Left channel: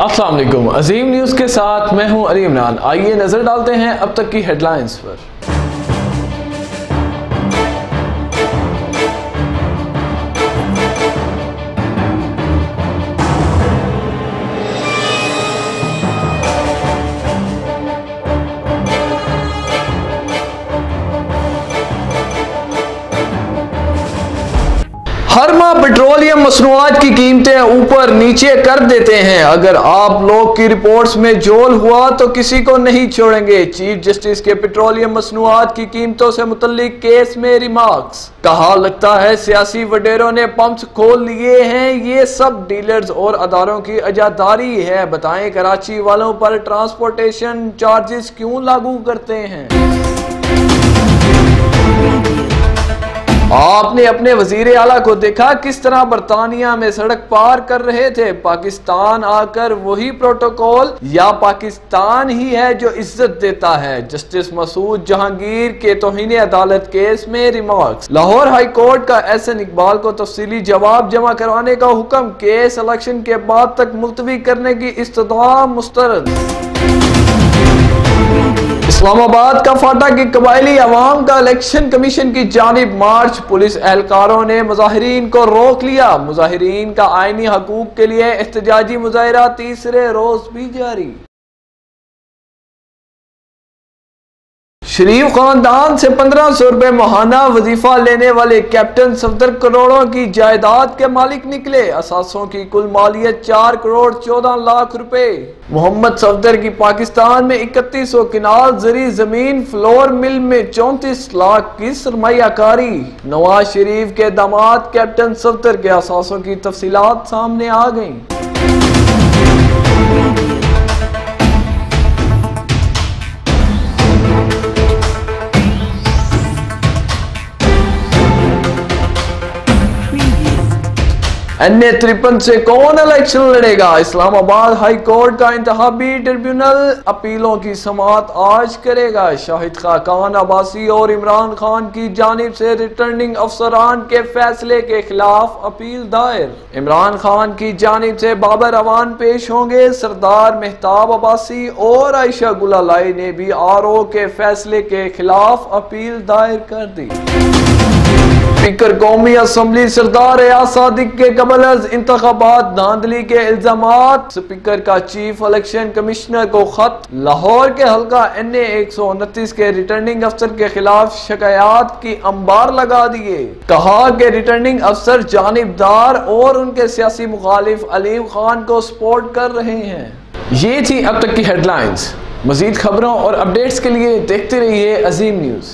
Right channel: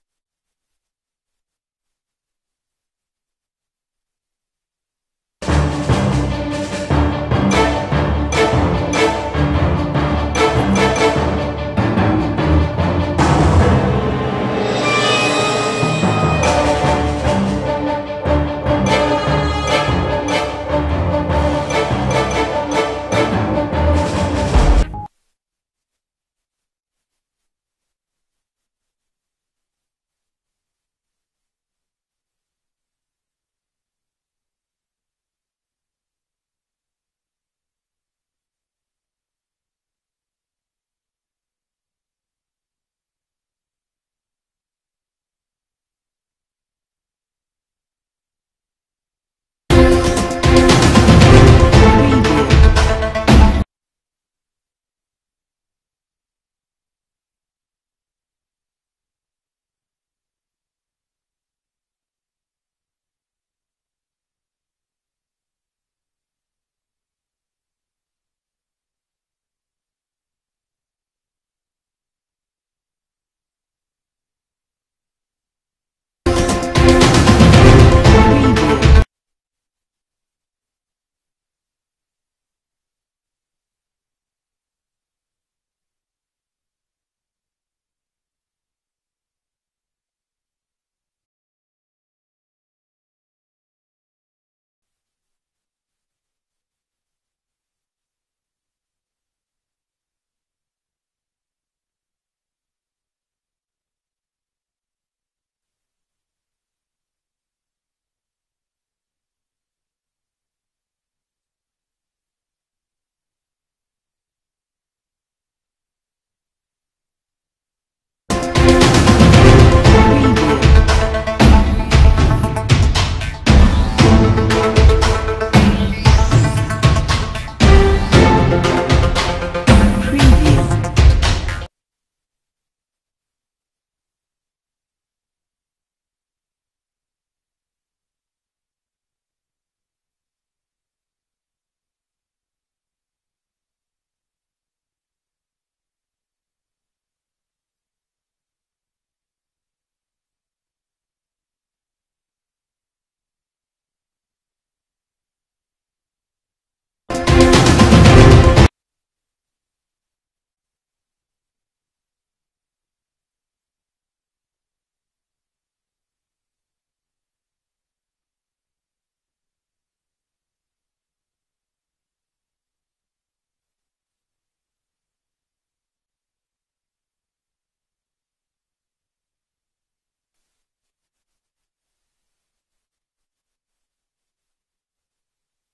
अस्सलाम वालेकुम। अजीम न्यूज़ के साथ मैं हूं अली इमरान। आइए नजर डालते हैं अब तक की हेडलाइंस पर। हर माह पेट्रोलियम मसनूआत की कीमतें ऊपर नीचे कर देते हैं। अगर आप लोग की रिपोर्ट्स में जोल हुआ तो किसी को नहीं छोड़ेंगे। चीफ जस्टिस के पेट्रोलियम मसनूआत की कीमतों से मुतल्लिक केस में रिमार्क्स। कहा लगता है सियासी वडेरों ने पंप्स खोल लिए हैं, ये सब डीलर्स और अदारों की अजादारी है। बताएं कराची वालों पर ट्रांसपोर्टेशन चार्जेस क्यों लागू करते हैं। आपने अपने वजीर आला को देखा किस तरह बरतानिया में सड़क पार कर रहे थे। पाकिस्तान आकर वही प्रोटोकॉल या पाकिस्तान ही है जो इज्जत देता है। जस्टिस मसूद जहांगीर के तौहीन अदालत केस में रिमार्क्स। लाहौर हाई कोर्ट का एहसन इकबाल को तफसीली जवाब जमा करवाने का हुक्म। केस इलेक्शन के बाद तक मुलतवी करने की इस्तदा मुस्तरद। इस्लामाबाद का फाटा की कबायली अवाम का इलेक्शन कमीशन की जानिब मार्च। पुलिस एहलकारों ने मुजाहिरीन को रोक लिया। मुजाहिरीन का आईनी हकूक के लिए एहतजाजी मुजाहिरा तीसरे रोज भी जारी। शरीफ खानदान से 1500 रुपए माहाना वजीफा लेने वाले कैप्टन सफदर करोड़ों की जायदाद के मालिक निकले। असासों की कुल मालियत 4 करोड़ 14 लाख रुपए। मोहम्मद सफदर की पाकिस्तान में 3100 किनाल जरी जमीन, फ्लोर मिल में 34 लाख की सरमायाकारी। नवाज शरीफ के दामाद कैप्टन सफदर के असासों की तफसीलात सामने आ गई। NA-53 से कौन इलेक्शन लड़ेगा। इस्लामाबाद हाई कोर्ट का इंतखाबी ट्रिब्यूनल अपीलों की समाअत आज करेगा। शाहिद खाकान अब्बासी और इमरान खान की जानिब से रिटर्निंग अफसरान के फैसले के खिलाफ अपील दायर। इमरान खान की जानिब से बाबर अवान पेश होंगे। सरदार मेहताब अब्बासी और आयशा गुलालाई ने भी RO के फैसले के खिलाफ अपील दायर कर दी। स्पीकर कौमी असम्बली सरदार एयाज सादिक के कबल इंतखाबात धांधली के इल्जामात। स्पीकर का चीफ इलेक्शन कमिश्नर को खत। लाहौर के हल्का NA-129 के रिटर्निंग अफसर के खिलाफ शिकायत की अंबार लगा दिए। कहा कि रिटर्निंग अफसर जानिबदार और उनके सियासी मुखालिफ अलीम खान को सपोर्ट कर रहे हैं। ये थी अब तक की हेडलाइंस। मजीद खबरों और अपडेट्स के लिए देखते रहिए अजीम न्यूज़।